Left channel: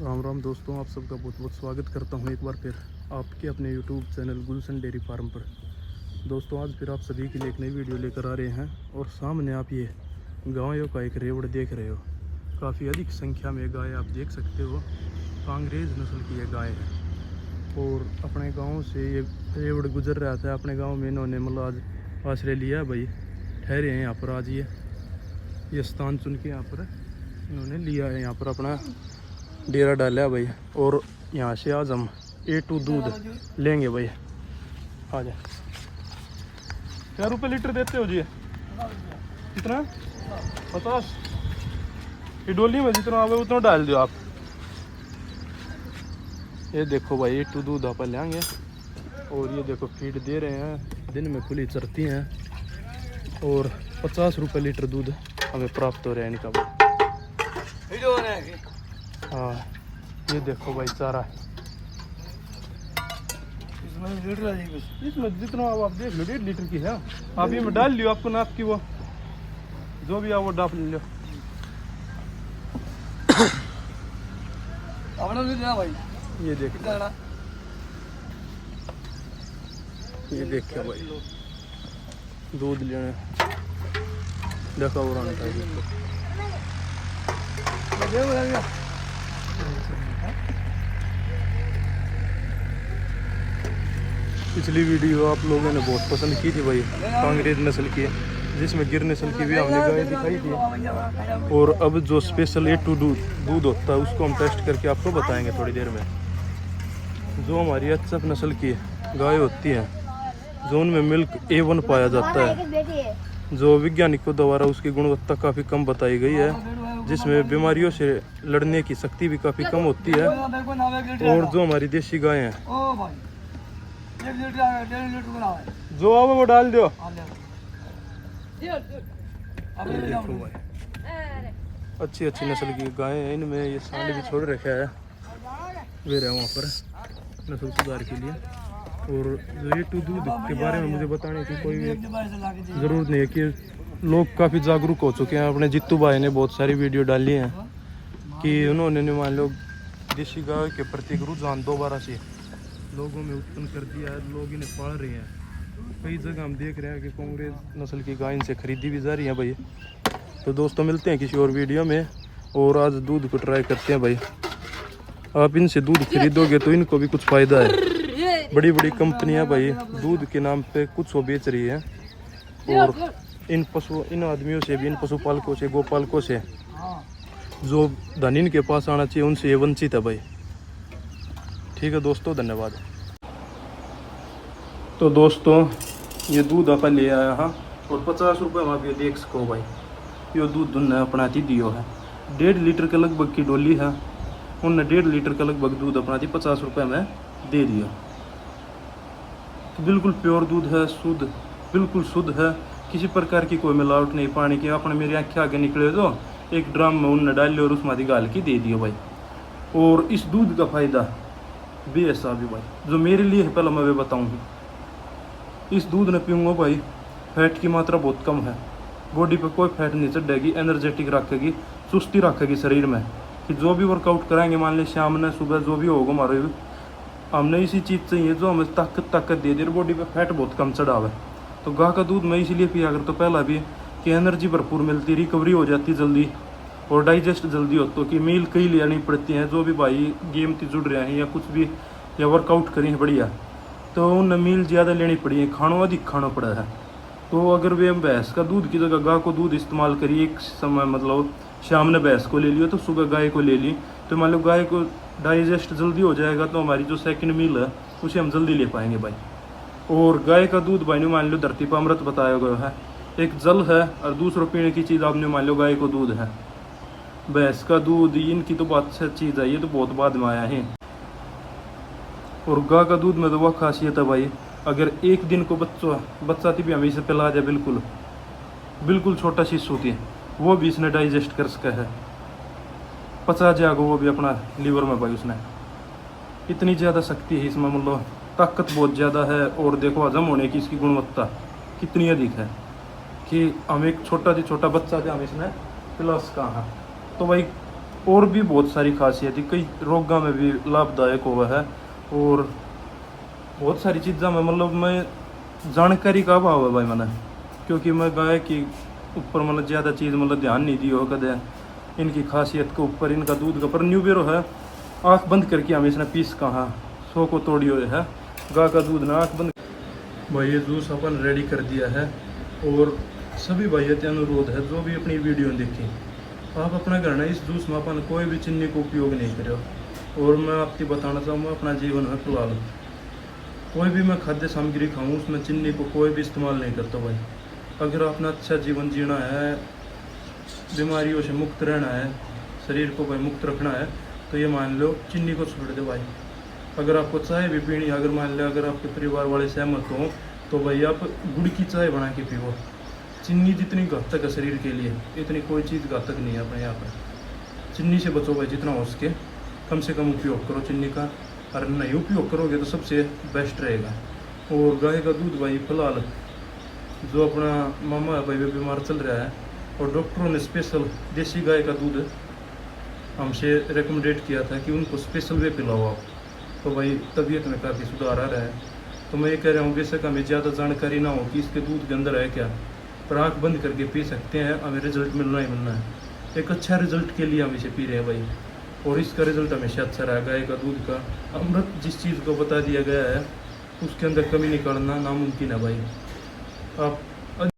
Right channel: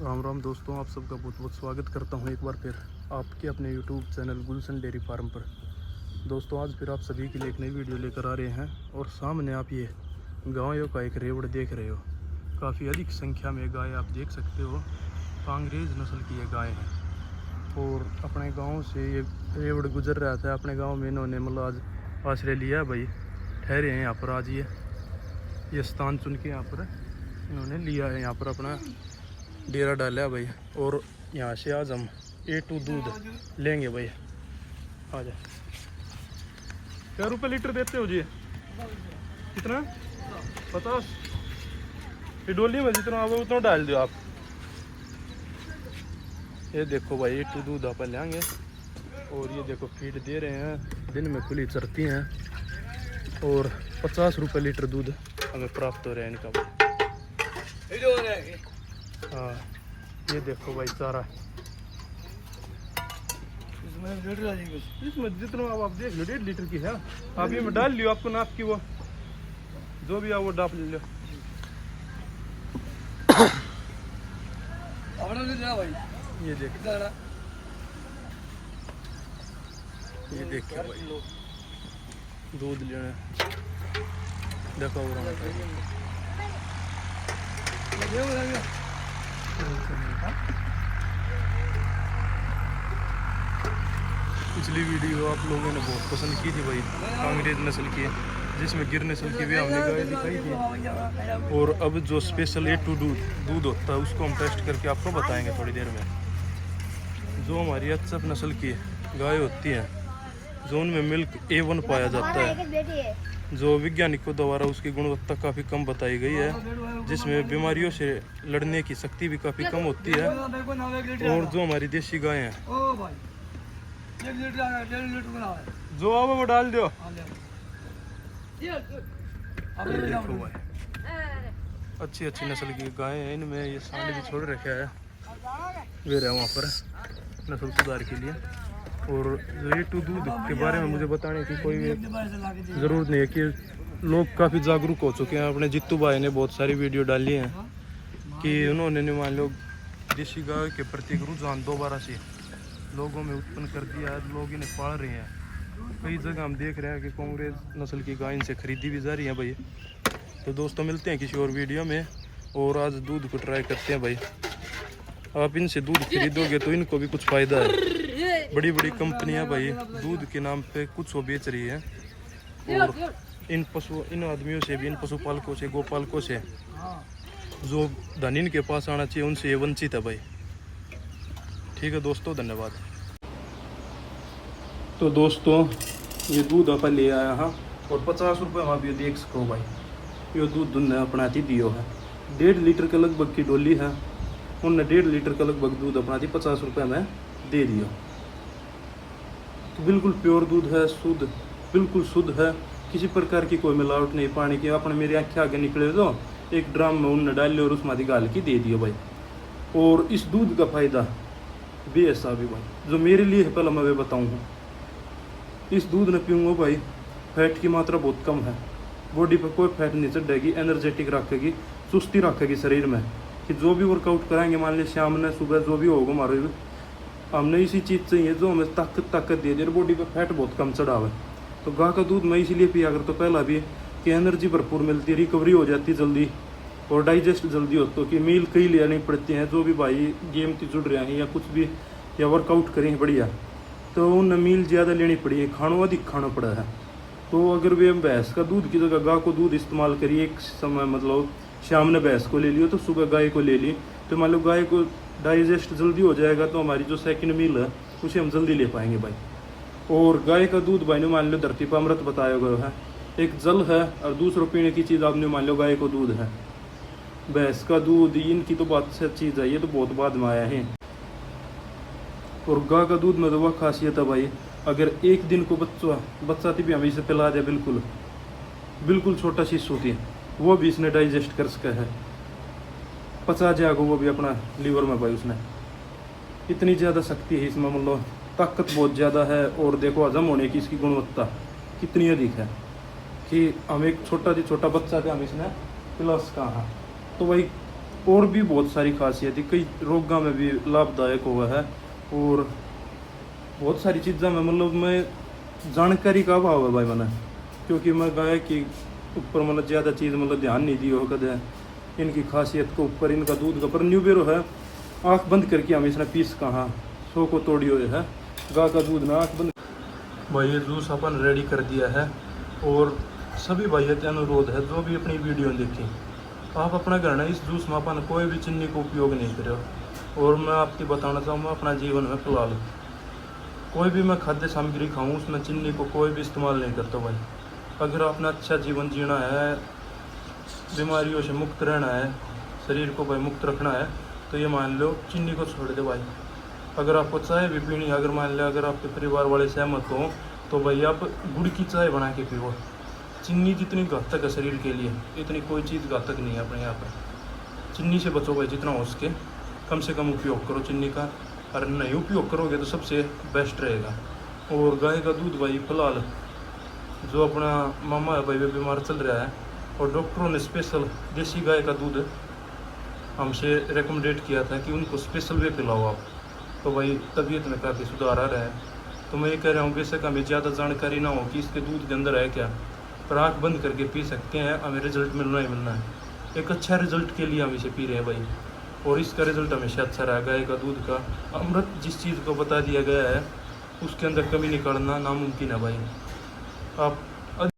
राम राम दोस्तों, आप सबका बहुत बहुत स्वागत करता हूं एक बार फिर आपके अपने यूट्यूब चैनल गुलशन डेयरी फार्म पर। दोस्तों, आज फिर आप सभी के लिए एक नई वीडियो लेकर आ रहे हैं और सामने आप ये गायों का एक रेवड़ देख रहे हो। काफ़ी अधिक संख्या में गाय आप देख सकते हो। कांग्रेज नस्ल की ये गाय है और अपने गाँव से ये रेवड़ गुजर रहा था। अपने गाँव में इन्होंने मतलब आज आश्रय लिया भाई, ठहरे हैं यहाँ पर। आज ये स्थान चुन के यहाँ पर इन्होंने लिया है, यहाँ पर अपना डेरा डाला भाई। और यहाँ से आज हम A2 दूध लेंगे भाई। आ जाए। क्या रुपये लीटर देते हो जी? कितना? 50। ये डोली में जितना आवे उतना डाल दो आप। ये देखो भाई, A2 दूध आप लेंगे। और ये देखो फीड दे रहे हैं, दिन में खुली चरती हैं और 50 रुपये लीटर दूध हमें प्राप्त हो रहा है इनका। हाँ, ये देखो भाई चारा। इसमें जितना आप देख लो 1.5 लीटर की है। आप ये में डाल लियो, आपको नाप की वो जो भी है वो डाल लियो। ये देखो, ये देखो भाई दूध लेने देखा और आने का। पिछली वीडियो आप लोगों ने बहुत पसंद की थी भाई, कांग्रेज नस्ल की, जिसमें गिर नस्ल की भी हमने गाय दिखाई थी। और अब जो स्पेशल A2 दूध होता है उसको हम टेस्ट करके आपको बताएंगे थोड़ी देर में। जो हमारी HF नस्ल की गाय होती है, जो उनमें मिल्क A1 पाया जाता है, जो वैज्ञानिकों द्वारा उसकी गुणवत्ता काफ़ी कम बताई गई है, जिसमें बीमारियों से लड़ने की शक्ति भी काफ़ी कम होती है। और जो हमारी देसी गाय हैं, जो आओ वो डाल दो। अच्छी अच्छी नस्ल की गाय हैं, इनमें ये सांड भी छोड़ रखा है वे रहे वहाँ पर नस्ल सुधार के लिए। और A2 दूध के बारे में मुझे बताने की कोई ज़रूरत नहीं है कि लोग काफ़ी जागरूक हो चुके हैं। अपने जित्तू भाई ने बहुत सारी वीडियो डाली हैं कि उन्होंने मान लो देसी गाय के प्रति रुझान दोबारा से लोगों में उत्पन्न कर दिया है। लोग इन्हें पाल रहे हैं। कई जगह हम देख रहे हैं कि कांग्रेज नस्ल की गाय इनसे खरीदी भी जा रही है भाई। तो दोस्तों, मिलते हैं किसी और वीडियो में और आज दूध को ट्राई करते हैं भाई। आप इनसे दूध खरीदोगे तो इनको भी कुछ फ़ायदा है। बड़ी बड़ी कंपनियां भाई दूध के नाम पे कुछ वो बेच रही है और इन आदमियों से भी, इन पशुपालकों से, गोपालकों से जो धन इनके पास आना चाहिए उनसे ये वंचित है भाई। ठीक है दोस्तों, धन्यवाद। तो दोस्तों, ये दूध अपन ले आया हाँ, और 50 रुपये में आप ये देख सको भाई। ये दूध दुन्ना अपना दियो है, 1.5 लीटर के लगभग की डोली है। उनने 1.5 लीटर का लगभग दूध अपना 50 रुपये में दे दिया। तो बिल्कुल प्योर दूध है, शुद्ध, बिल्कुल शुद्ध है, किसी प्रकार की कोई मिलावट नहीं। पानी के आपने मेरे आँखें आगे निकले तो एक ड्राम में उनने डाल लिया और उसमें गाल की दे दिया भाई। और इस दूध का फायदा बेऐसा भी भाई, जो मेरे लिए है पहले मैं बताऊंगा। इस दूध ने पीऊँगा भाई, फैट की मात्रा बहुत कम है, बॉडी पे कोई फैट नहीं चढ़ेगी, एनर्जेटिक रखेगी, सुस्ती रखेगी शरीर में। कि जो भी वर्कआउट कराएंगे, मान ली शाम में सुबह जो भी होगा हमारे, हमने इसी चीज़ चाहिए जो हमें ताकत दे दे, बॉडी पे फैट बहुत कम चढ़ावे। तो गाय का दूध मैं इसीलिए पिया अगर तो पहला भी कि एनर्जी भरपूर मिलती, रिकवरी हो जाती जल्दी और डाइजेस्ट जल्दी हो। तो कि मील कई लेनी पड़ती हैं जो भी भाई गेम से जुड़ रहे हैं या कुछ भी या वर्कआउट करें बढ़िया, तो उन्हें मील ज़्यादा लेनी पड़ी है, खाना अधिक खाना पड़ा है। तो अगर वे भैंस का दूध की जगह गाय को दूध इस्तेमाल करिए एक समय, मतलब शाम ने भैंस को ले लियो तो सुबह गाय को ले ली, तो मान लो गाय को डाइजेस्ट जल्दी हो जाएगा, तो हमारी जो सेकंड मील है उसे हम जल्दी ले पाएंगे भाई। और गाय का दूध भाई ने मान लो धरती पर अमृत बताया गया है, एक जल है और दूसरा पीने की चीज़ आपने मान लो गाय को दूध है। भैंस का दूध इनकी तो बात से चीज़ है, ये तो बहुत बाद में आया है। और गाय का दूध में तो वह खासियत है भाई, अगर एक दिन को बच्चा भी हमें इसे पिला जाए, बिल्कुल छोटा शिशु की, वो भी इसने डाइजेस्ट कर सका है, पचा जाएगा वो भी अपना लीवर में भाई। उसमें इतनी ज़्यादा शक्ति है इसमें, मतलब ताकत बहुत ज़्यादा है। और देखो हजम होने की इसकी गुणवत्ता कितनी अधिक है कि हम एक छोटा बच्चा थे, हम इसमें पिला सका है। तो भाई और भी बहुत सारी खासियत है, कई रोगों में भी लाभदायक हुआ है। और बहुत सारी चीज़ों में मतलब मैं जानकारी का अभाव है भाई मैंने, क्योंकि मैं गाय के ऊपर मतलब ज़्यादा चीज़ मतलब ध्यान नहीं दी हो कदे, इनकी खासियत के ऊपर, इनका दूध का। पर न्यू बेरो है, आँख बंद करके हम इसने पीस कहाँ 100 को तोड़ी हुई है गाय का दूध ना, आँख बंद। भाई ये जूस अपन रेडी कर दिया है। और सभी भाइयों से अनुरोध है, जो भी अपनी वीडियो देखें, आप अपना घर ना इस जूस में अपन कोई भी चीनी का उपयोग नहीं करो। और मैं आपकी बताना चाहूँगा अपना जीवन में फिलहाल कोई भी मैं खाद्य सामग्री खाऊँ उसमें चीनी को कोई भी इस्तेमाल नहीं करता भाई। अगर अपना अच्छा जीवन जीना है, बीमारियों से मुक्त रहना है, शरीर को भाई मुक्त रखना है, तो ये मान लो चीनी को छोड़ दे भाई। अगर आपको चाय भी पीनी, अगर मान लो अगर आपके परिवार वाले सहमत हों, तो भाई आप गुड़ की चाय बना के पियो। चीनी जितनी घातक है शरीर के लिए, इतनी कोई चीज़ घातक नहीं है अपने यहाँ पर। चीनी से बचो भाई जितना हो सके, कम से कम उपयोग करो चीनी का। अगर नहीं उपयोग करोगे तो सबसे बेस्ट रहेगा। और गाय का दूध भाई फिलहाल जो अपना मामा है भाई वो बीमार चल रहा है, और डॉक्टरों ने स्पेशल देसी गाय का दूध हमसे रिकमेंडेड किया था कि उनको स्पेशल वे पिलाओ आप। तो भाई तबीयत में काफ़ी सुधार आ रहा है। तो मैं ये कह रहा हूँ बेशक हमें ज़्यादा जानकारी ना हो कि इसके दूध के अंदर है क्या, पर आँख बंद करके पी सकते हैं, हमें रिजल्ट मिलना ही मिलना है। एक अच्छा रिजल्ट के लिए हम इसे पी रहे हैं भाई, और इसका रिजल्ट हमेशा अच्छा रहा। गाय का दूध का अमृत जिस चीज़ को बता दिया गया है उसके अंदर कमी निकालना नामुमकिन है भाई। आप